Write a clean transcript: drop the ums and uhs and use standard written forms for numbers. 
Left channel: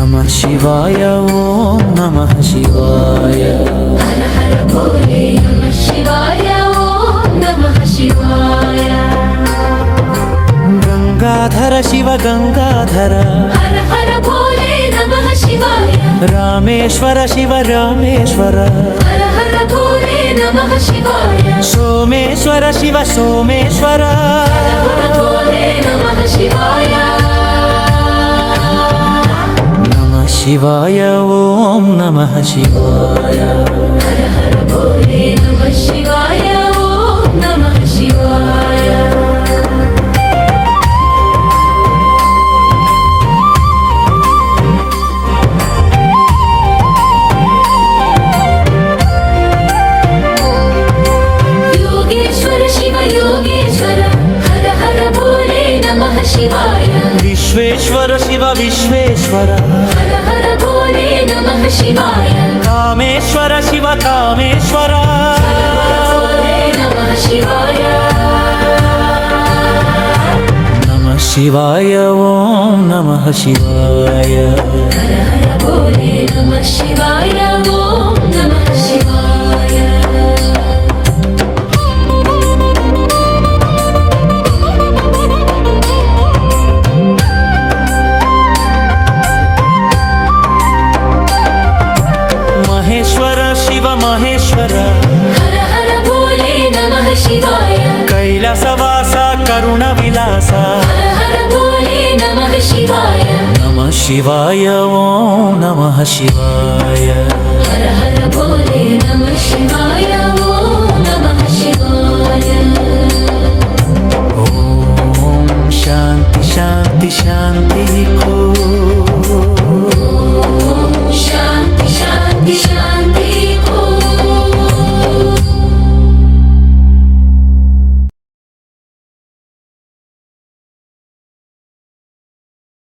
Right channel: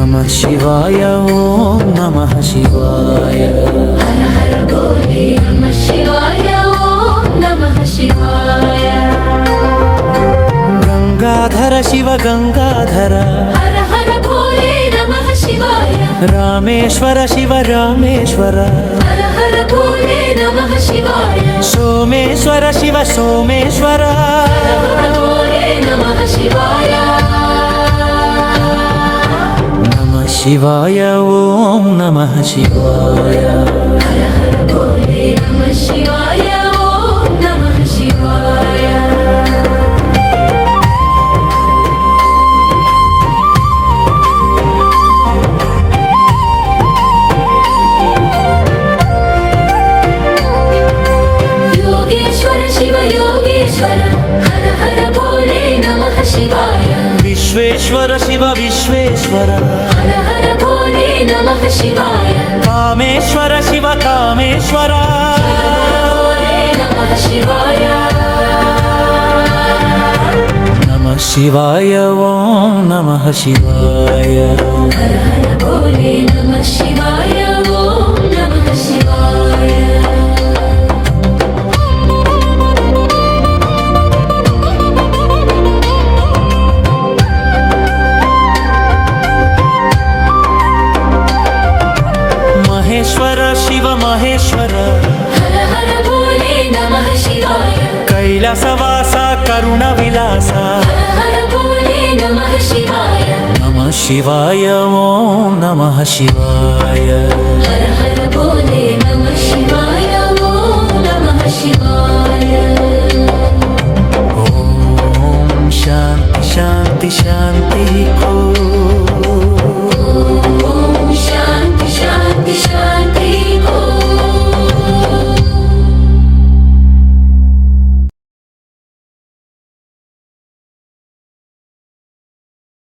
नमः शिवाय ॐ नमः शिवाय हर हर भोले नमः शिवाय ॐ नमः शिवाय गंगाधर शिव गंगाधर हर हर भोले नमः शिवाय रामेश्वर शिव रामेश्वर हर हर भोले नमः शिवाय सोमेश्वर शिव सोमेश्वर हर हर भोले नमः शिवाय नमः शिवाय ॐ नमः शिवाय हर हर भोले नमः शिवाय ॐ नमः शिवाय योगेश्वर शिव योगेश्वर हर हर भोले नमः शिवाय विश्वेश्वर शिव विश्वेश्वर हर हर भोले नमः शिवाय कामेश्वर शिव कामेश्वर हर हर भोले नमः शिवाय नमः शिवाय ॐ नमः शिवाय हर हर भोले नमः शिवाय ॐ नमः शिवाय महेश्वर शिव महेश्वर हर हर भोले नमः शिवाय कैलासवास करुणविलास हर हर भोले नमः शिवाय नमः शिवाय ॐ नमः शिवाय हर हर भोले नमः शिवाय ॐ नमः शिवाय ॐ शान्ति शान्ति शान्तिः